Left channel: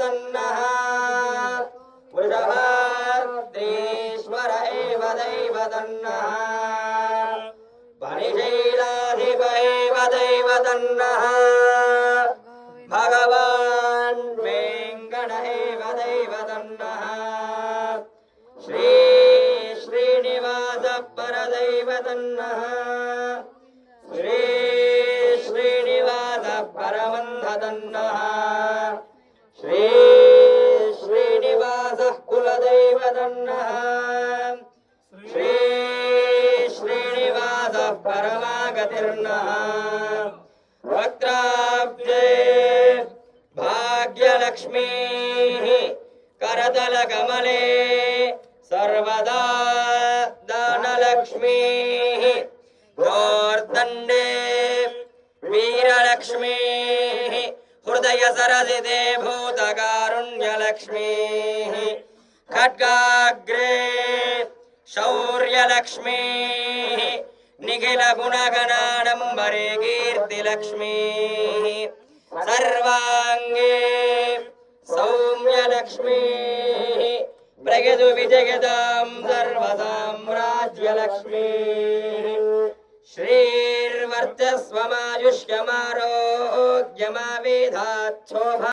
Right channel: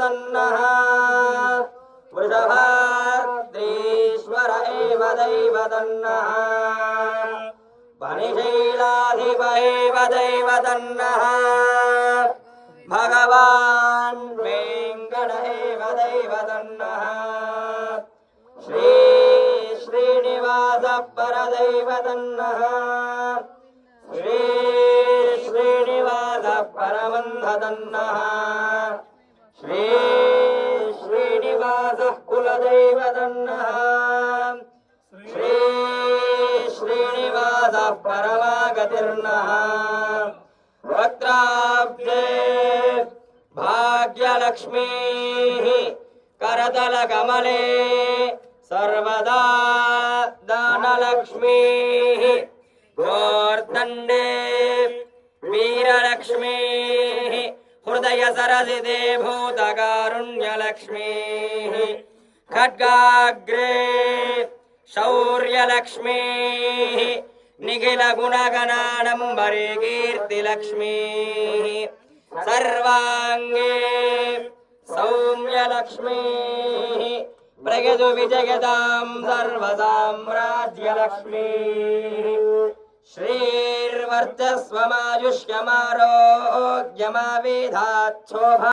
तन्नः वृषभाद्रीश्वर एव दैव तन्नः वनिशैलाधिप एव दैव तन्नः भगवान् वेङ्कट एव दैव तन्नः श्री श्रीनिवास परदैव तन्नः श्री श्रीनिवास परमन्ध तन्नः श्री श्रीनिवास कुलदैव तन्नः श्री श्रीनिवास परमागतिर्नः वक्त्राब्जे भाग्यलक्ष्मीः करतलकमले सर्वदा दानलक्ष्मीः गोर्दण्डे वीरलक्ष्मीः हृदय सरसिते भूतकारुण्यलक्ष्मीः खड्गाग्रे शौर्यलक्ष्मीः निखिलगुणगणाडम्बरे कीर्तिलक्ष्मीः सर्वाङ्गे सौम्यलक्ष्मीः प्रगतु विजयतां सर्वसाम्राज्यलक्ष्मीः श्रीर्वर्चस्वमायुष्यमारोग्यमाविधाच्छोभा